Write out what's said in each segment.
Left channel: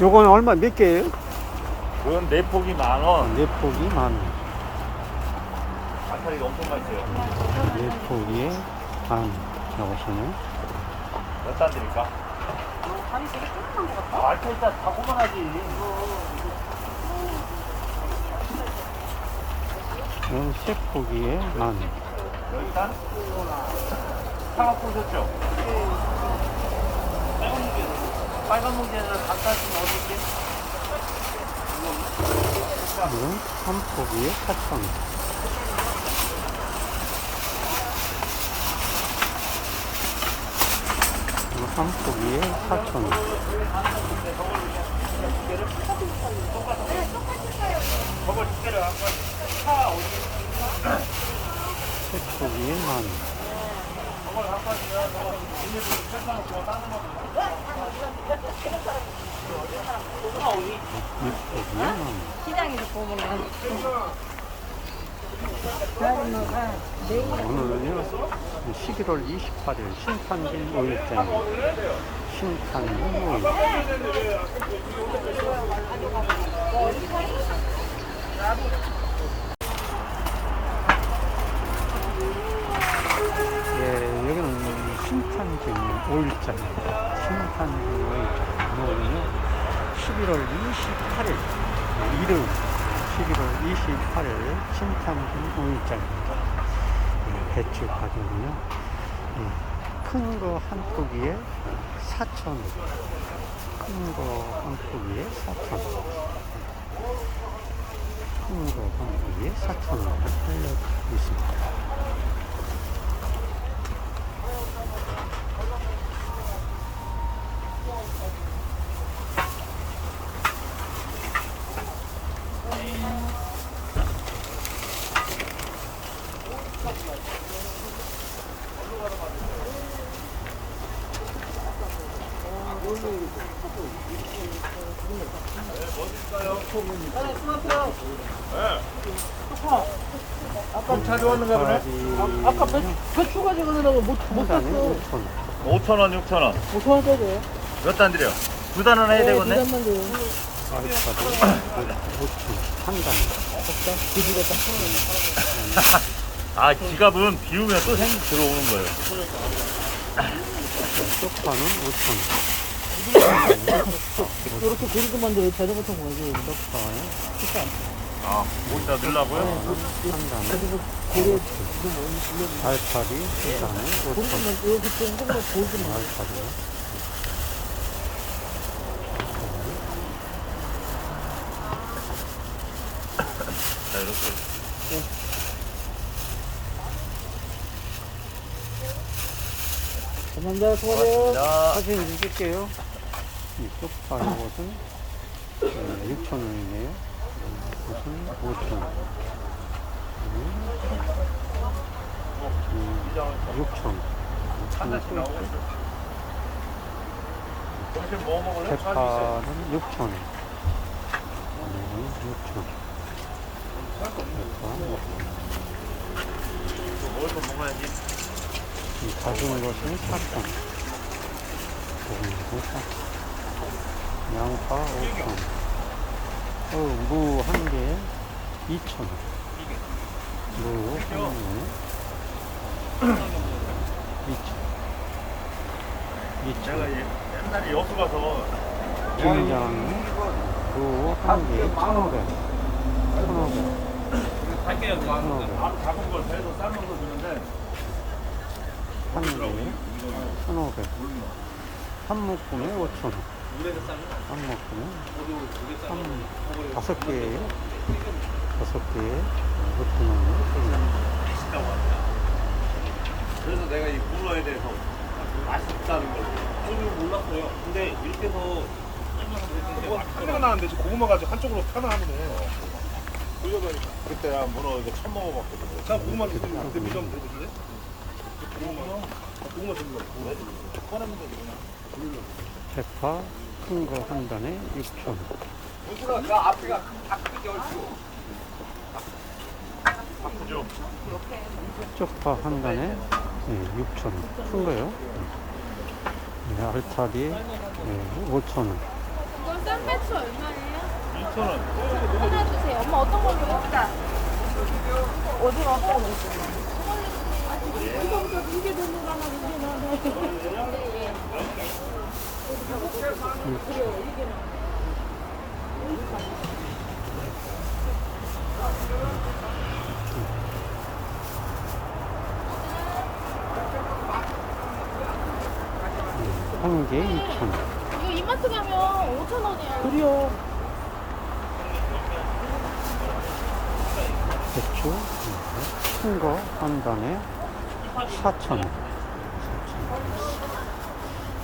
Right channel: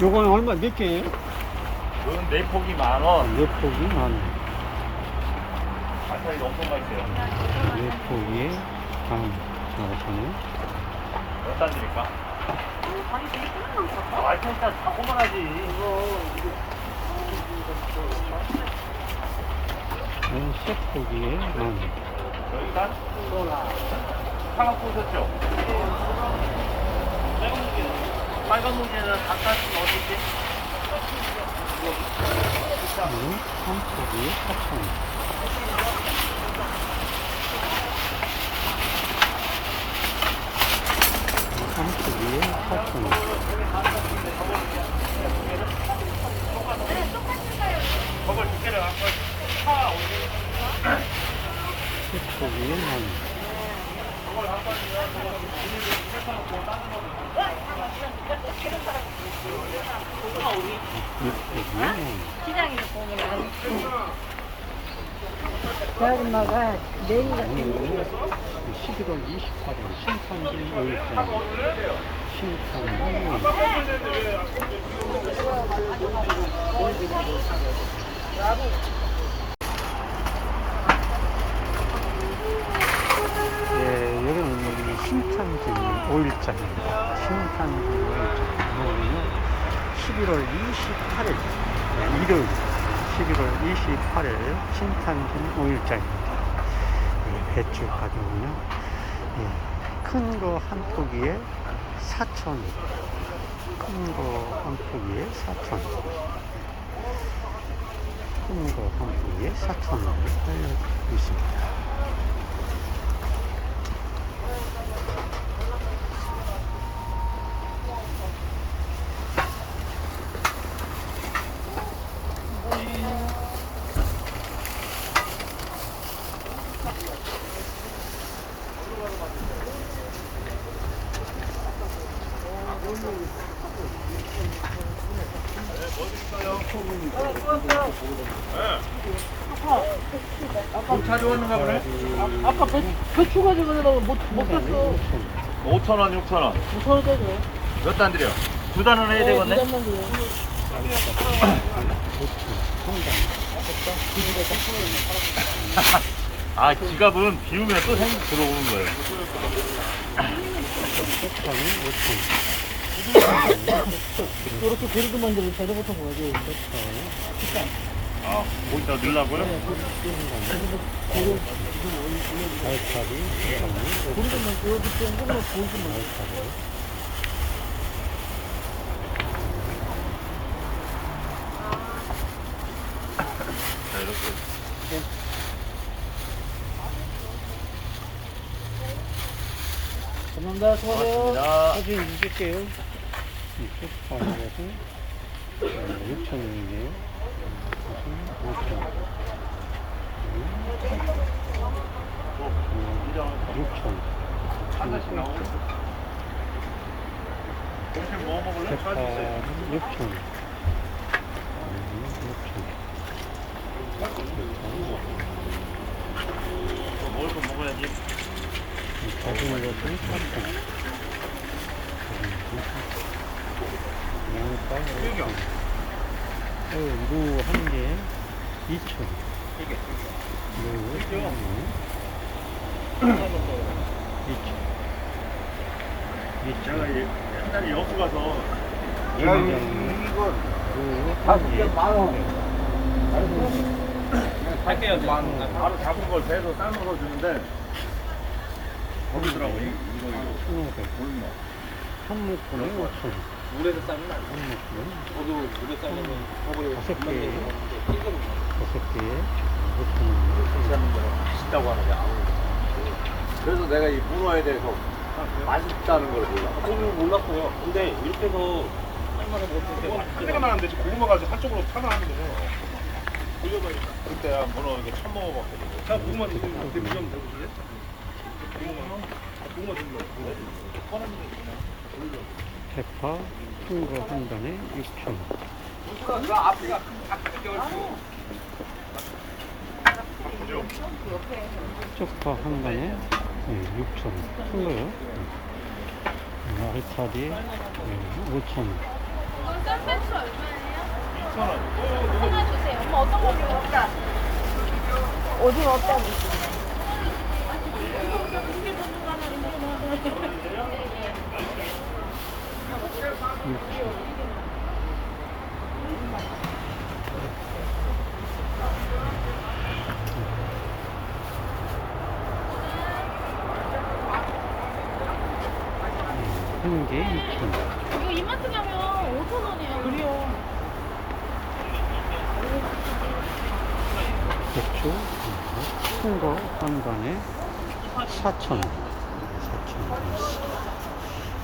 요건 얼마 몇 개예요? 이건 네 폭이 만 원. 네 포기 만 원. 아타리 엄청 맛있어요. 네 포기에 만 원. 요거는 몇단 드릴까? 아, 일단 다 고만하지. 이건 세 포기에 만 원. 여기단? 사과 보셨죠? 빨간 무게는 바깥이 어디지? 이건 한 포기에 4천 원. 이거 한 포기에 4천 원. 세 포기에 만 포기에 만 원. 시장에서 보면 아줌마가 내일 오늘은요 11월 28일 신탄진 5일장입니다. 신탄진 5일. 예, 여기는 신탄진 5일장입니다. 신탄진 5일장. 오늘은요 11월 28일 예, 일요일 11월 28일 신탄진 5일장입니다. 예, 배추 가격은요 큰거 한 포기에 4천 큰 거 한 포기에 4천 큰 거 한 포기에 4천 원을 알려드리고 있습니다. 아까 배추 가지고 가려고 못, 한 단에 5천 원. 5,000원, 6,000원. 못 하나 되죠. 몇단 드려? 두 단은 해야 되겠네? 아르카도 5천 원. 한 단에. 아, 지갑은 비우면 또생 들어오는 거예요. 쪽파는 5천 원. 한 단에 쪽파. 이렇게 데리고 만들어 가지. 쪽파에 아, 여기다 넣으려고요? 한 5천 알파리 한 단에 5천 원. 이렇게 좀 한번 보여주면 알파리요. 자, 이렇게. 감사합니다. 수고하세요. 자, 사진 찍을게요. 이 쪽파 이것은 6천 원이네요. 이것은 5천 원. 6천 원. 하나 또 있죠? 점심 뭐 먹을래? 대파는 6천 원. 네, 6천 원. 대파 먹을 거 먹어야지. 이 작은 것은 4천 원. 작은 것은 4천 원. 양파 5천 원. 어, 무 한 개에 2천 원. 무한 개에 2천 내가 2천 예- 옛날에 여수 가서 김장은 무한 개에 1,500원. 1,500원. 바로 잡은 걸 배에서 삶아서 주는데 먹더라고 이거 이거 1,500원. 몰라. 한 묶음에 5,000 원. 한 묶음에 한 다섯 개에 다섯 개에 5,000원이요. 맛있다고 하는데 그래서 내가 이 문어에 대해서 맛있다는 걸 몰라 저는 몰랐어요. 근데 이렇게 해서 삶아서 먹는데 소리가 맛있더라고요. 나는데 지금 고구마가 아직 한쪽으로 타나왔네. 그때야 문어 이거 처음 먹어봤거든요. 자, 고구마 그때 그때 무시하면 되지. 고구마, 고구마 들려. 대파 큰 거 한 단에 6,000원. 쪽파 한 단에 네, 6,000원. 큰 거요. 네. 네, 알타리 네, 5,000원. 이건 쌈배추 얼마예요? 2,000원. 하나 주세요. 엄마 어떤 걸로? 어디 왔다 그랬어. 한개 2,000원. 이거 이마트 가면 5천 원이야. 그래요. 배추 큰 거 한 단에 4,000원. 4,000원.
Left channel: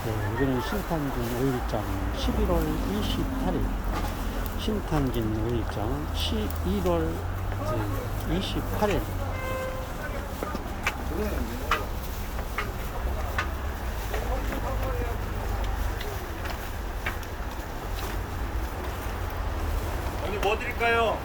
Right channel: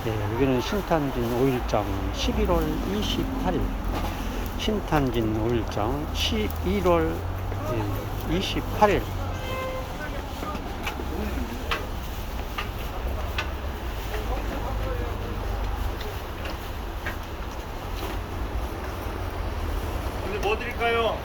예, 여기는 신탄진 5일장 11월 28일. 신탄진 5일장 11월 28일. 드릴까요?